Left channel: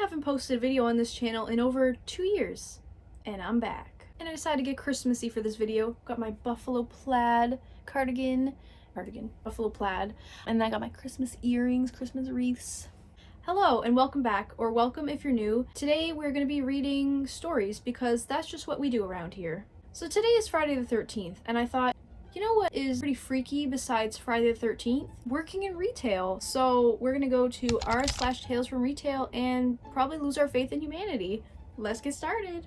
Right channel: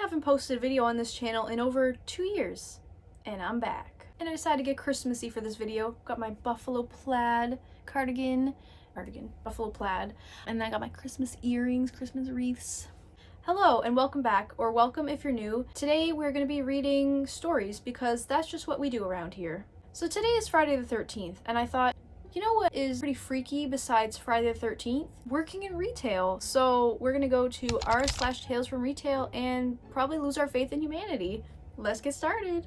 haven't posted a video on this channel in over 2 years, and I'm back. And I decided to get Christmassy for this video. Got my buffalo plaid cardigan, buffalo plaid, and then I got my Christmas earrings, Christmas wreaths. Hello and welcome back, or welcome if you're new. Today we're going to be reading stories because that's just what we do around here. So today is Friday the 13th, and I thought, you know what is pretty freaky besides Friday the 13th? Working in retail. So we're gonna go to r/TalesFromRetail and probably lose our faith in humanity. Let's get started.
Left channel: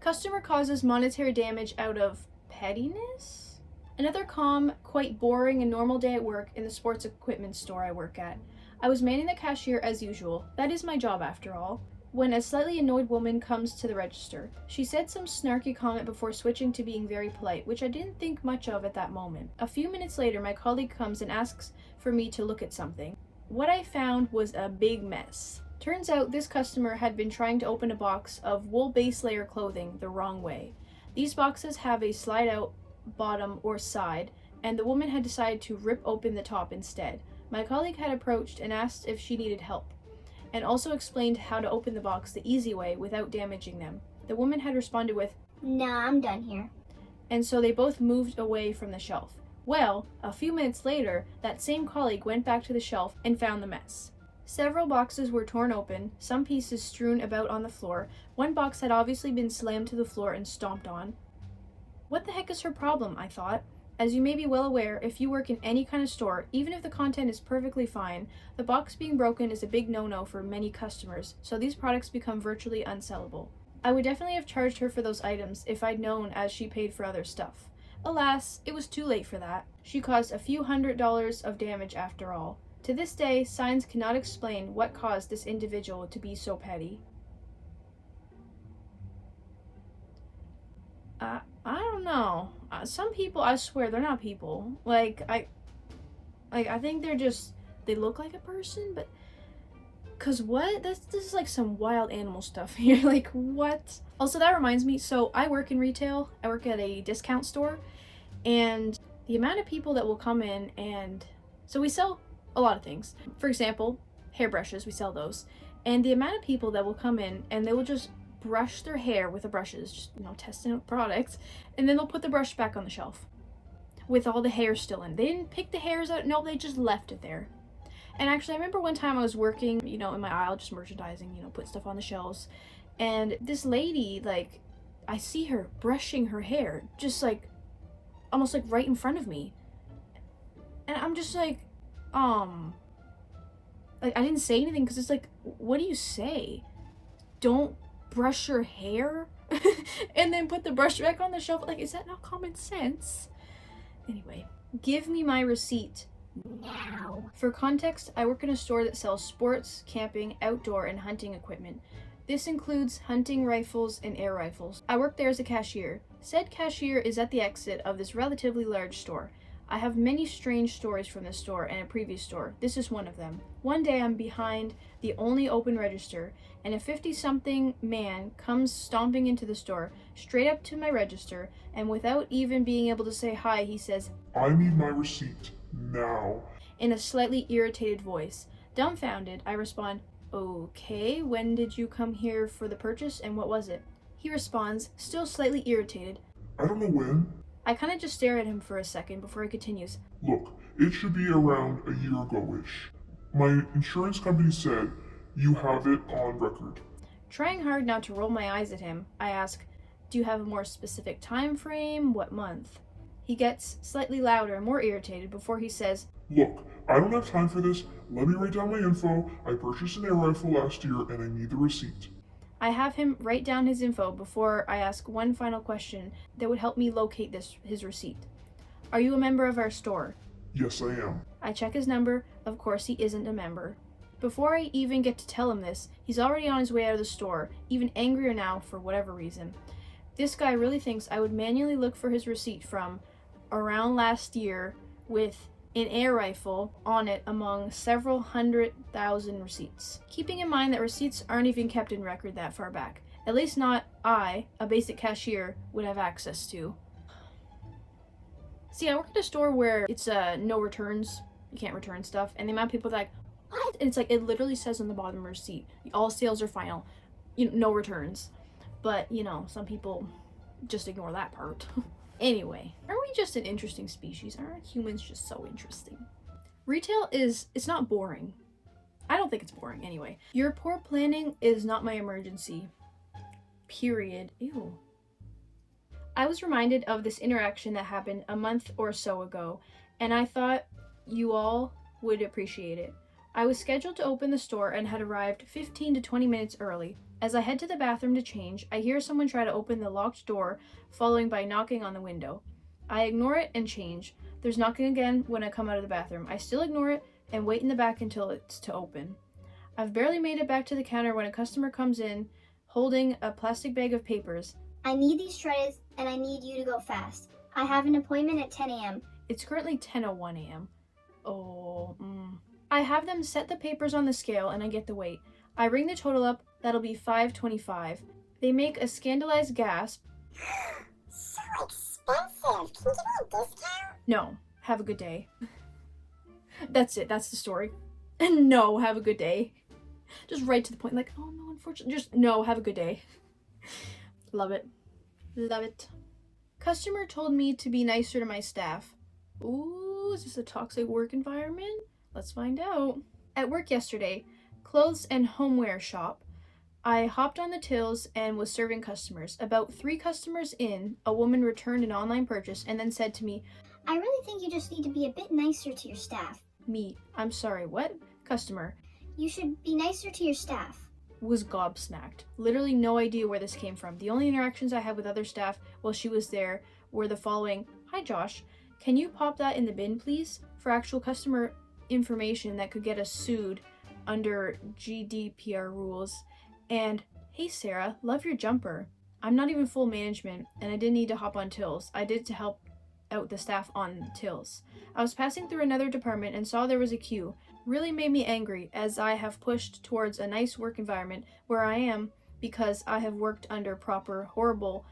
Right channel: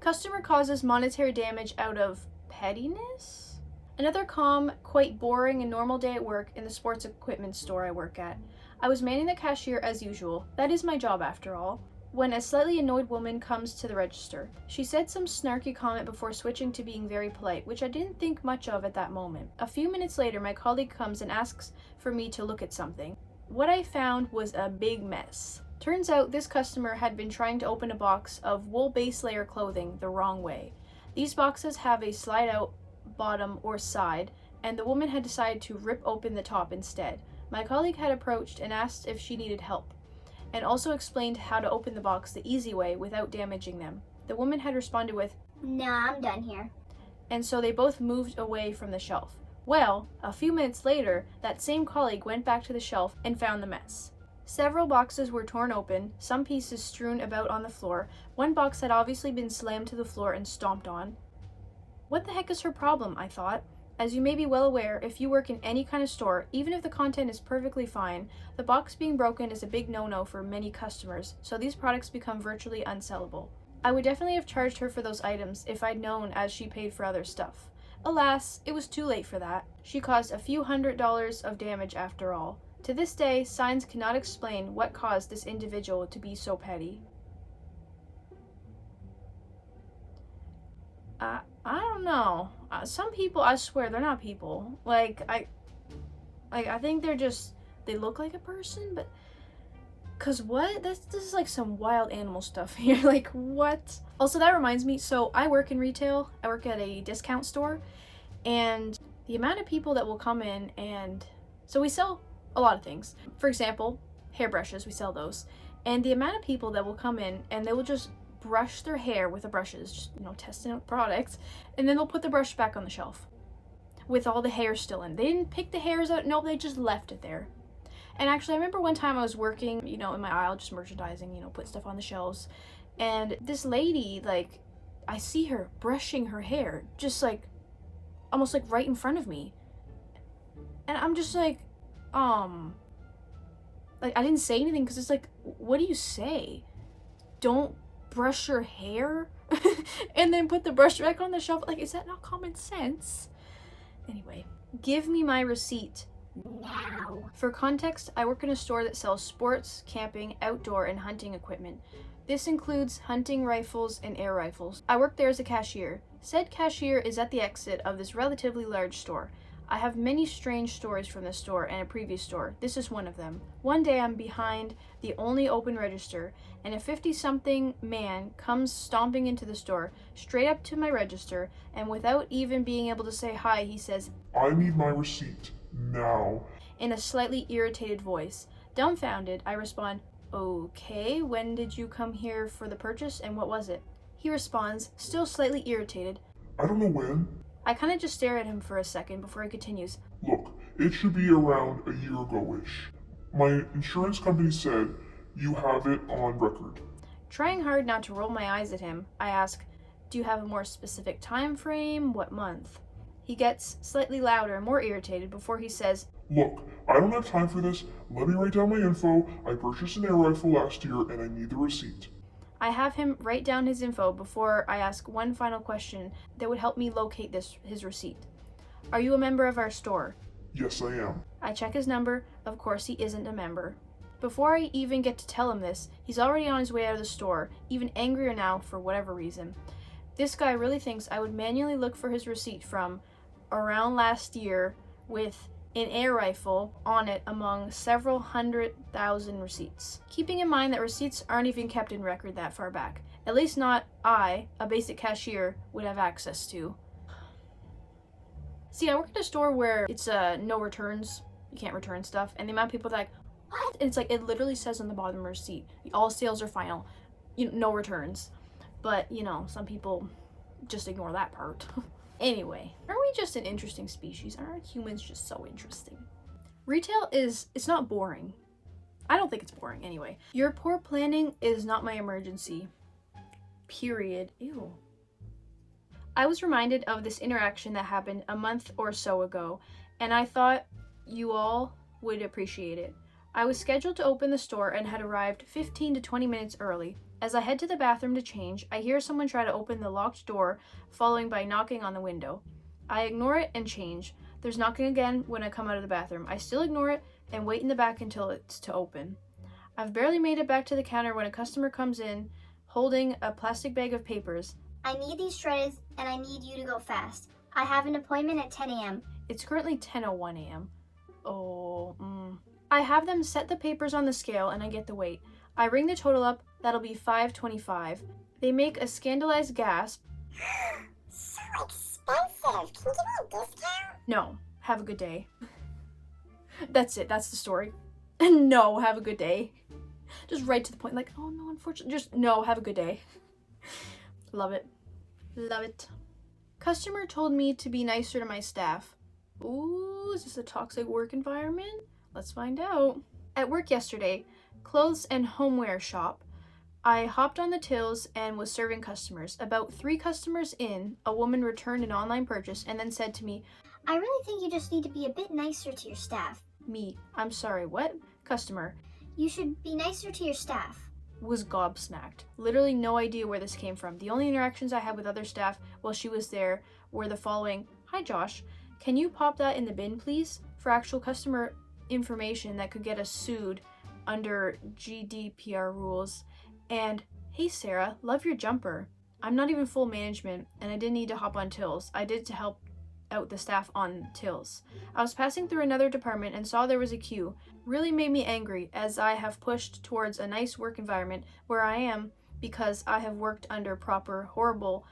Customer causes monetary damage out of pettiness? Another calm, quite boring and normal day at work in the sports equipment store I work at. I was manning the cashier as usual. That is my job after all. When a slightly annoyed woman comes to the register. She said some snarky comment before switching to being very polite, which I didn't think much of at that moment. A few minutes later, my colleague comes and asks for me to look at something. What I found was a big mess. Turns out this customer had been trying to open a box of wool base layer clothing the wrong way. These boxes have a slide out bottom or side, and the woman had decided to rip open the top instead. My colleague had approached and asked if she needed help, and also explained how to open the box the easy way without damaging them. The woman had responded with, "Nah, I'm done here." And so they both moved away from the shelf. Well, a few minutes later, that same colleague went back to the shelf and found the mess. Several boxes were torn open, some pieces strewn about on the floor. One box had obviously been slammed to the floor and stomped on. What the heck is her problem, I thought. As you may be well aware, if you work in any kind of store, even if the content is perfectly fine, the box being broken is a big no-no for many customers, so these products become virtually unsellable. I would definitely have charged her for those items if I'd known as she paid for other stuff. Alas, it was too late for that. She caused a few $100s of damage after all. To this day, signs cannot explain what caused this individual to be so petty. I don't know. Some people, I swear, they're not people. I think they look like a person, but, cause what? This is like some wild animal stuff here. Like, what? Also, that reminds me, so I work in retail. I work at a discount store, and the amount of people that will come in and, so we sell a lot of things. For example, hairbrushes, we sell those. And the amount of people that will come in and they will just brush their hair with the brushes, just, testing out products, and then they'll put the brush back on the shelf with all the hair still in. They didn't pick the hairs out, no, they just left it there. And actually, I remember one time I was working, in my aisle, just merchandising, put stuff on the shelves, and this lady, I see her brushing her hair, just almost right in front of me. And I'm just I didn't say anything, because it's what do you say? Don't brush your hair and then put the brush back on the shelf? Is that not common sense? Anyway, give me my receipt now. For context, I work in a store that sells sports, camping, outdoor, and hunting equipment. This includes hunting rifles and air rifles. I work there as a cashier. Said cashier is at the exit of this relatively large store. I have many strange stories from this store and a previous store. This is one of them. One day I'm behind the only open register, and a 50-something man comes stomping into the store, straight up to my register, and without even being able to say hi, he says, "I need my receipt, now," in a slightly irritated voice. Dumbfounded, I respond, "Okay, when did you come here for the purchase, and what was it?" He responds, still slightly irritated, "I don't know when." I kind of just stare at him for a second before he continues, "Look, it should be around a year ago-ish. My insurance company said you have it on record." Trying hard not to roll my eyes at him, I ask, "Do you have a more specific time frame? What month?" He gets slightly louder and more irritated before he says, "Look, I don't have time for this. Let me write down my info. I purchased an air rifle last year and I need the receipt." I have him write down his info before I ask one final question that would help me locate his receipt. "Are you a member of our store?" "Yes, I am." I check his number. Of course, he isn't a member. Before I even get to tell him this, he's already on his way out of the store, even angrier now for whatever reason. This guy really thinks I would manually look for his receipt from around last year with an air rifle on it among several 100,000 receipts. Keeping in mind that receipts aren't even kept in record that far back. At least not I, a basic cashier, would have access to. See, I work at a store where it's no returns. You can't return stuff. And the amount of people that what? And it's like, it literally says on the bottom of the receipt, all sales are final, no returns. But, some people just ignore that part. Anyway, aren't we just an interesting species? Aren't humans just so interesting? Retail it's not boring. I don't think it's boring anyway. Your poor planning is not my emergency. Period. Ew. I was reminded of this interaction that happened a month or so ago, and I thought you all would appreciate it. I was scheduled to open the store and had arrived 15 to 20 minutes early. As I head to the bathroom to change, I hear someone try to open the locked door, following by knocking on the window. I ignore it and change. There's knocking again when I come out of the bathroom. I still ignore it and wait in the back until it's to open. I've barely made it back to the counter when a customer comes in, holding a plastic bag of papers. I need these shredded and I need you to go fast. I have an appointment at 10 a.m. It's currently 10:01 a.m. I have them set the papers on the scale and I get the weight. I ring the total up, that'll be $5.25. They make a scandalized gasp. So expensive. Can you give me a discount? No, have a good day. That's it, that's the story. No, have a good day. Just right to the point, like, oh no, unfortunately, just no, have a good day. Love it. Love it. Customer told me to be nicer to my staff. Ooh, is this a toxic work environment? Let's find out. At work yesterday, clothes and homeware shop, I hopped on the tills and was serving customers. About 3 customers in, a woman returned an online purchase and then said to me, I really think you just need to be a bit nicer to your staff. Me, I'm sorry, what? Customer, You should be nicer to your staff. was gobsmacked. Literally no idea where this came from. The only interactions I had with other staff while she was there were the following. Hi Josh, can you pop that in the bin please? For actual customer information that could get us sued under GDPR rules. And hey Sarah, love your jumper. I'm not even full management and I didn't need to hop on tills. I did to help out the staff on tills. I was passing through another department and saw there was a queue. Really made me angry as I have pushed towards a nice work environment where I am because I have worked under proper, horrible,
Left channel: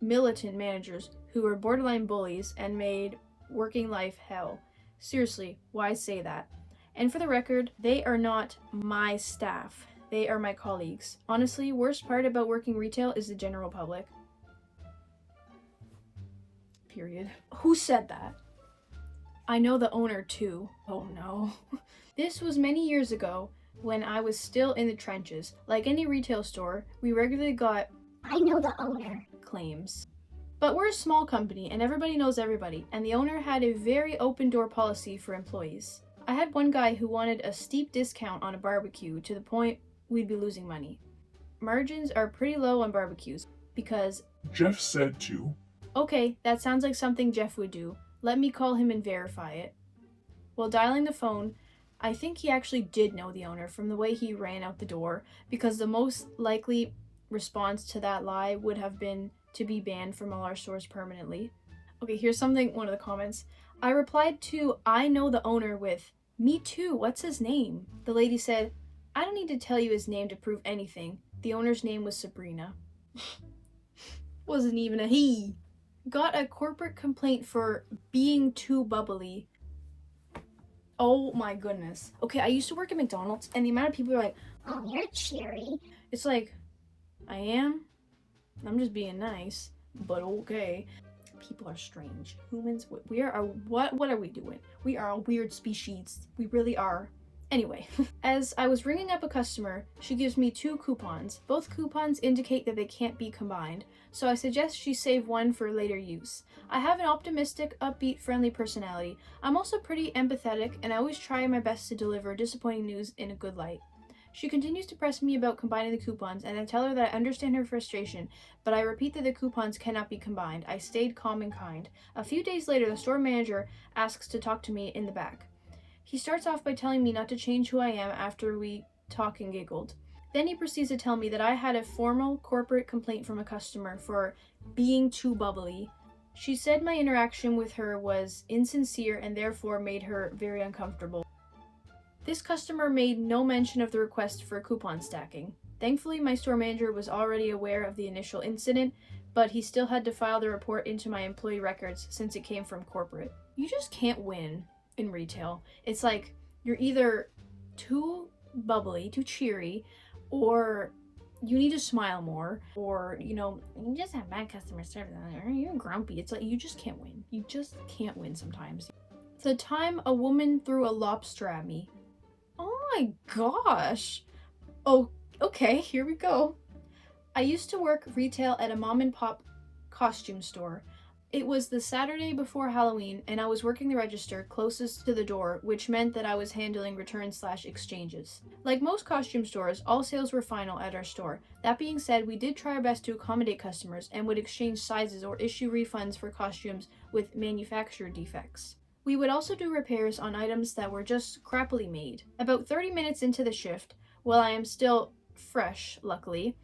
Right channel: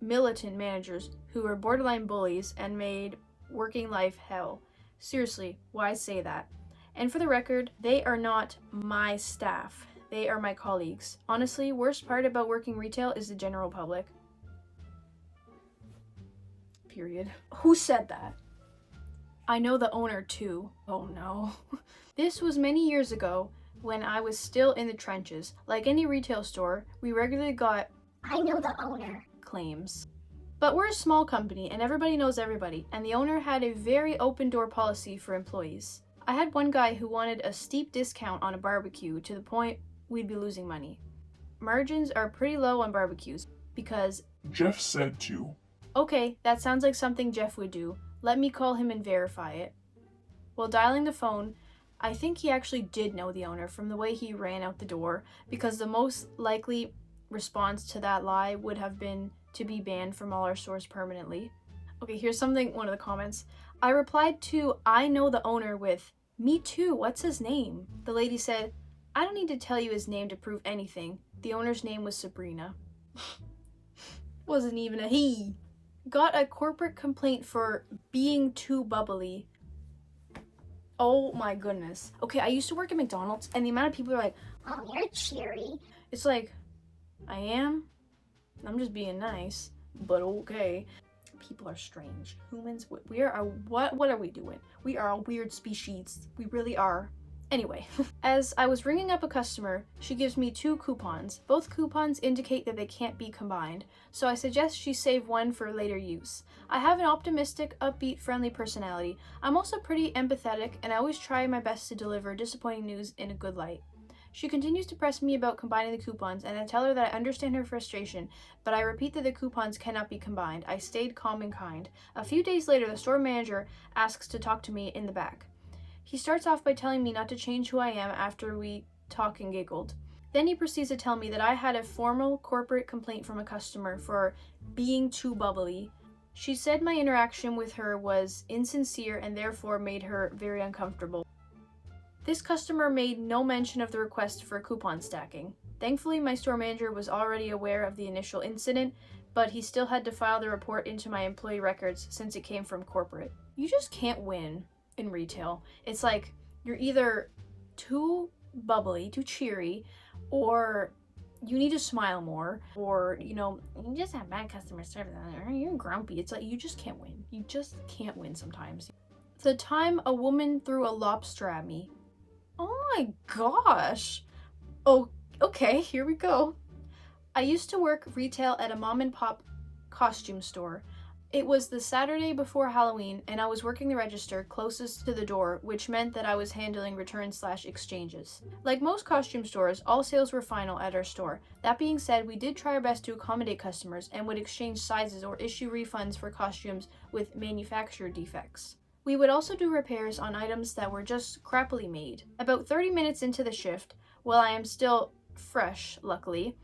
militant managers who were borderline bullies and made working life hell. Seriously, why say that? And for the record, they are not my staff. They are my colleagues. Honestly, worst part about working retail is the general public. Period. Who said that? I know the owner too. Oh no. This was many years ago when I was still in the trenches. Like any retail store, we regularly got I know the owner. claims. But we're a small company and everybody knows everybody, and the owner had a very open door policy for employees. I had one guy who wanted a steep discount on a barbecue to the point we'd be losing money. Margins are pretty low on barbecues because Jeff said to. okay, that sounds like something Jeff would do. Let me call him and verify it. While dialing the phone, I think he actually did know the owner from the way he ran out the door, because the most likely response to that lie would have been to be banned from all our stores permanently. Okay, here's something, one of the comments. I replied to I know the owner with, me too, what's his name? The lady said, I don't need to tell you his name to prove anything. The owner's name was Sabrina. Wasn't even a he. Got a corporate complaint for being too bubbly. Oh my goodness. Okay, I used to work at McDonald's and the amount of people are like, Oh, you're cheery. it's like, I am? I'm just being nice, but okay. People are strange. Humans, we are, what are we doing? We are a weird species. We really are. Anyway, as I was ringing up a customer, she gives me 2 coupons. Both coupons indicate that they can't be combined, so I suggest she save one for later use. I have an optimistic, upbeat, friendly personality. I'm also pretty empathetic, and I always try my best to deliver disappointing news in a good light. She continues to press me about combining the coupons, and I tell her that I understand her frustration, but I repeat that the coupons cannot be combined. I stayed calm and kind. A few days later, the store manager asks to talk to me in the back. He starts off by telling me not to change who I am after we talk and giggled. Then he proceeds to tell me that I had a formal corporate complaint from a customer for being too bubbly. She said my interaction with her was insincere and therefore made her very uncomfortable. This customer made no mention of the request for coupon stacking. Thankfully, my store manager was already aware of the initial incident, but he still had to file the report into my employee records since it came from corporate. You just can't win in retail. It's like you're either too bubbly, too cheery, or you need to smile more, or, you know, you just have bad customer service, or you're grumpy. It's like, you just can't win. You just can't win sometimes. The time a woman threw a lobster at me. Oh my gosh. Oh, okay, here we go. I used to work retail at a mom and pop costume store. It was the Saturday before Halloween, and I was working the register closest to the door, which meant that I was handling returns/exchanges. Like most costume stores, all sales were final at our store. That being said, we did try our best to accommodate customers and would exchange sizes or issue refunds for costumes with manufacturer defects. We would also do repairs on items that were just crappily made. About 30 minutes into the shift, while I am still fresh, luckily,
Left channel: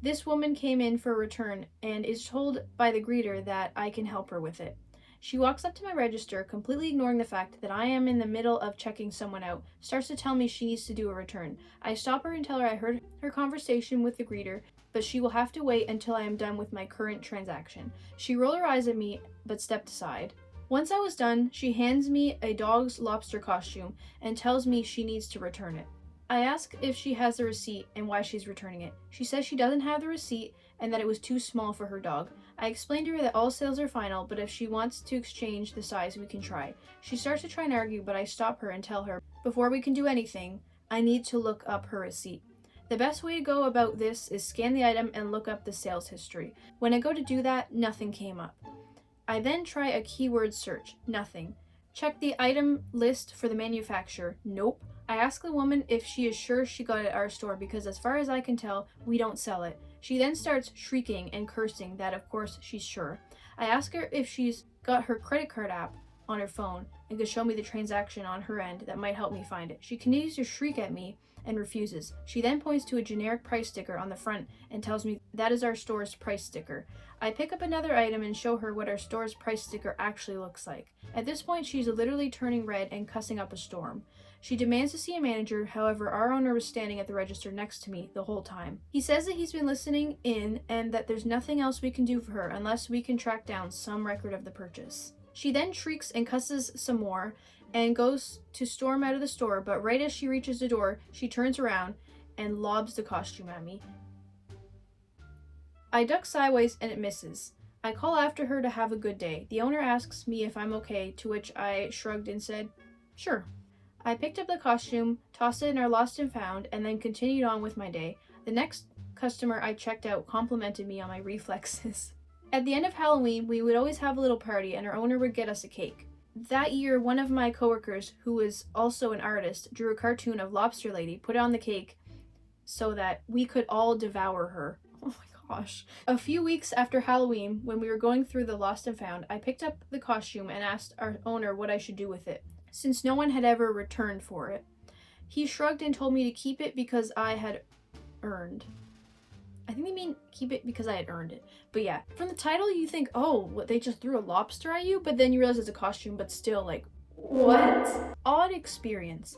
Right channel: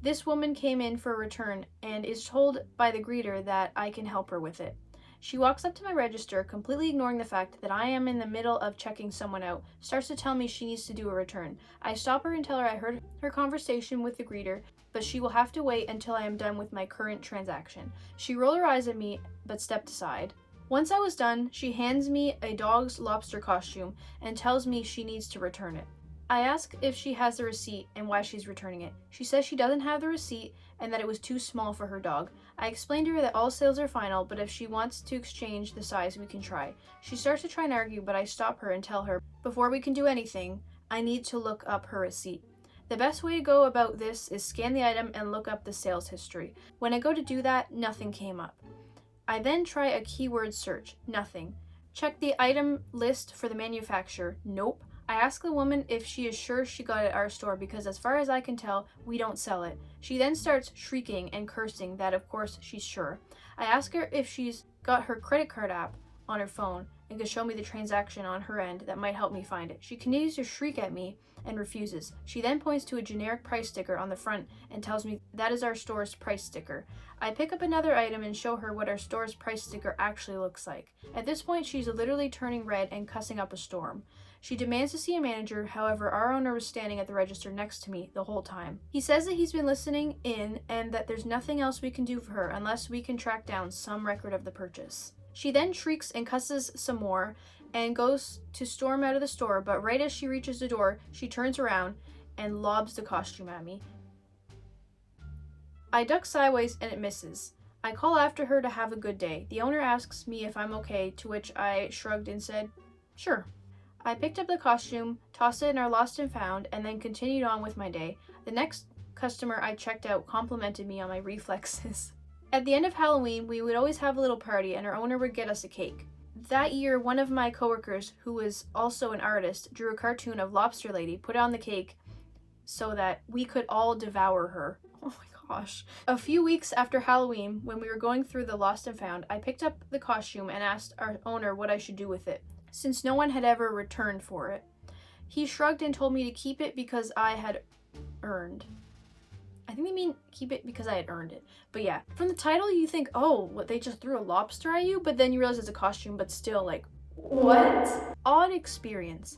this woman came in for a return and is told by the greeter that I can help her with it. She walks up to my register, completely ignoring the fact that I am in the middle of checking someone out, starts to tell me she needs to do a return. I stop her and tell her I heard her conversation with the greeter, but she will have to wait until I am done with my current transaction. She rolled her eyes at me, but stepped aside. Once I was done, she hands me a dog's lobster costume and tells me she needs to return it. I ask if she has the receipt and why she's returning it. She says she doesn't have the receipt and that it was too small for her dog. I explained to her that all sales are final, but if she wants to exchange the size, we can try. She starts to try and argue, but I stop her and tell her, before we can do anything, I need to look up her receipt. The best way to go about this is scan the item and look up the sales history. When I go to do that, nothing came up. I then try a keyword search. Nothing. Check the item list for the manufacturer. Nope. I ask the woman if she is sure she got it at our store because as far as I can tell, we don't sell it. She then starts shrieking and cursing that of course she's sure. I ask her if she's got her credit card app on her phone and could show me the transaction on her end that might help me find it. She continues to shriek at me and refuses. She then points to a generic price sticker on the front and tells me that is our store's price sticker. I pick up another item and show her what our store's price sticker actually looks like. At this point, she's literally turning red and cussing up a storm. She demands to see a manager, however, our owner was standing at the register next to me the whole time. He says that he's been listening in and that there's nothing else we can do for her unless we can track down some record of the purchase. She then shrieks and cusses some more and goes to storm out of the store, but right as she reaches the door, she turns around and lobs the costume at me. I duck sideways and it misses. I call after her to have a good day. The owner asks me if I'm okay, to which I shrugged and said, sure. I picked up the costume, tossed it in our lost and found, and then continued on with my day. The next customer I checked out complimented me on my reflexes. At the end of Halloween, we would always have a little party and our owner would get us a cake. That year, one of my coworkers, who was also an artist, drew a cartoon of Lobster Lady, put it on the cake so that we could all devour her. Oh my gosh. A few weeks after Halloween, when we were going through the lost and found, I picked up the costume and asked our owner what I should do with it, since no one had ever returned for it. He shrugged and told me to keep it because I had earned. I think they mean keep it because I had earned it. But yeah, from the title you think, oh, what, they just threw a lobster at you? But then you realize it's a costume, but still like, what? Odd experience.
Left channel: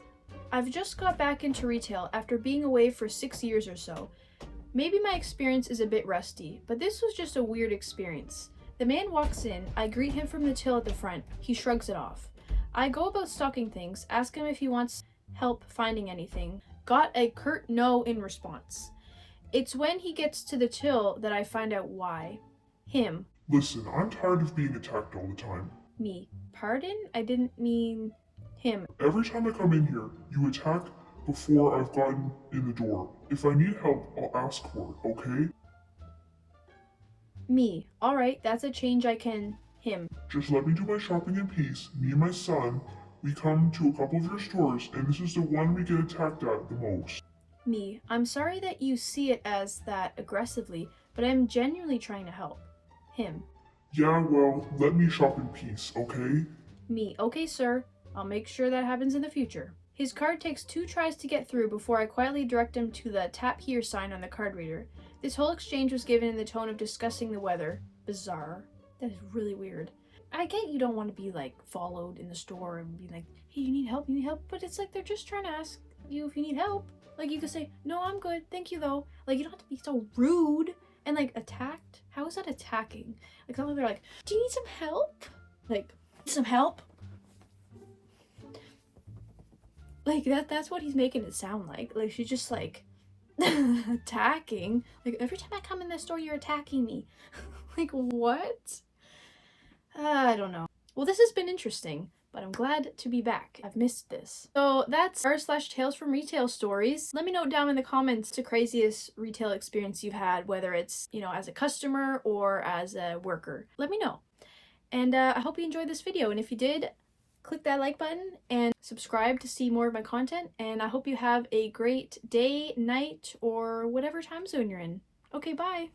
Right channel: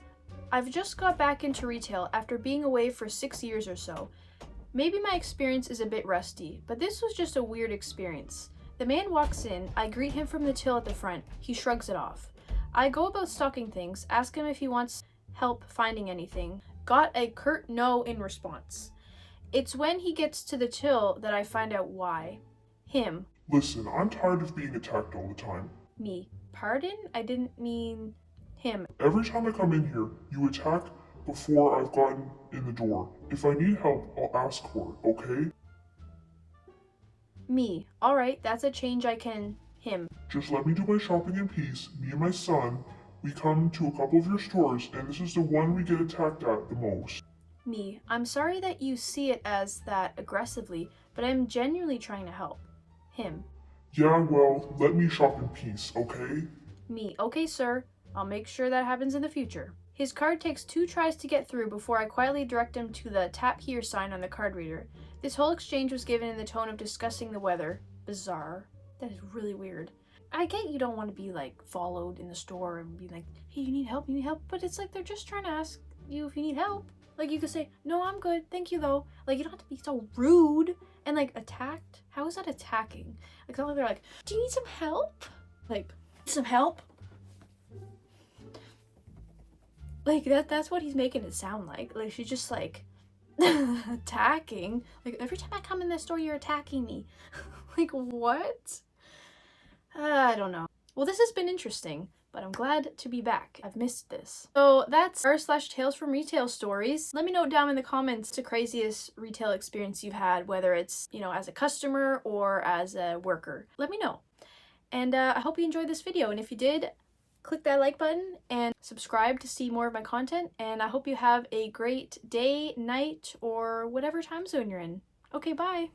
I've just got back into retail after being away for 6 years or so. Maybe my experience is a bit rusty, but this was just a weird experience. The man walks in, I greet him from the till at the front, he shrugs it off. I go about stocking things, ask him if he wants help finding anything. Got a curt no in response. It's when he gets to the till that I find out why. Him. Listen, I'm tired of being attacked all the time. Me. Pardon? I didn't mean him. Every time I come in here, you attack before I've gotten in the door. If I need help, I'll ask for it, okay? Me. Alright, that's a change I can... Him. Just let me do my shopping in peace. Me and my son, we come to a couple of your stores, and this is the one we get attacked at the most. Me. I'm sorry that you see it as that aggressively, but I'm genuinely trying to help. Him. Yeah, well, let me shop in peace, okay? Me. Okay, sir. I'll make sure that happens in the future. His card takes 2 tries to get through before I quietly direct him to the tap here sign on the card reader. This whole exchange was given in the tone of discussing the weather. Bizarre. That is really weird. I get you don't want to be like followed in the store and be like, hey, you need help, but it's like they're just trying to ask you if you need help. Like you could say, no, I'm good, thank you though. Like you don't have to be so rude and like attacked. How is that attacking? Like something they're like, do you need some help? Like, some help? Like, that's what he's making it sound like. Like, she's just, like, attacking. Like, every time I come in this store, you're attacking me. Like, what? I don't know. Well, this has been interesting, but I'm glad to be back. I've missed this. So that's r/Tales from Retail stories. Let me know down in the comments the craziest retail experience you've had, whether it's, you know, as a customer or as a worker. Let me know. And I hope you enjoyed this video. And if you did, click that like button and subscribe to see more of my content. And I hope you have a great day, night, or whatever time zone you're in. Okay, bye.